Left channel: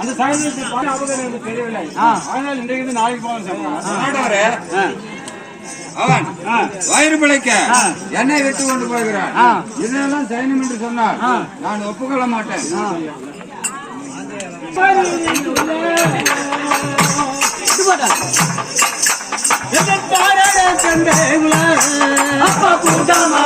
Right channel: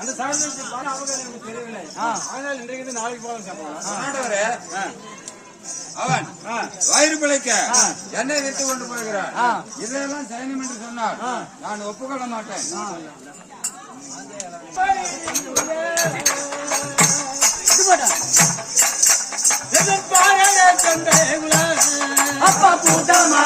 அந்த சகோதரத்தை எனக்கு தெரியவில்லை. ஆனால் இன்றைக்கு நாளைக்கு போகணும். அவன் வயிறு பிழைக்க என்னை விட்டு கொண்டு போகிறான். இதெல்லாம் சைனம் என்று சொன்னால் நான் ஒப்புக்கொள்ள மாட்டேன். அப்பா கூட்டமா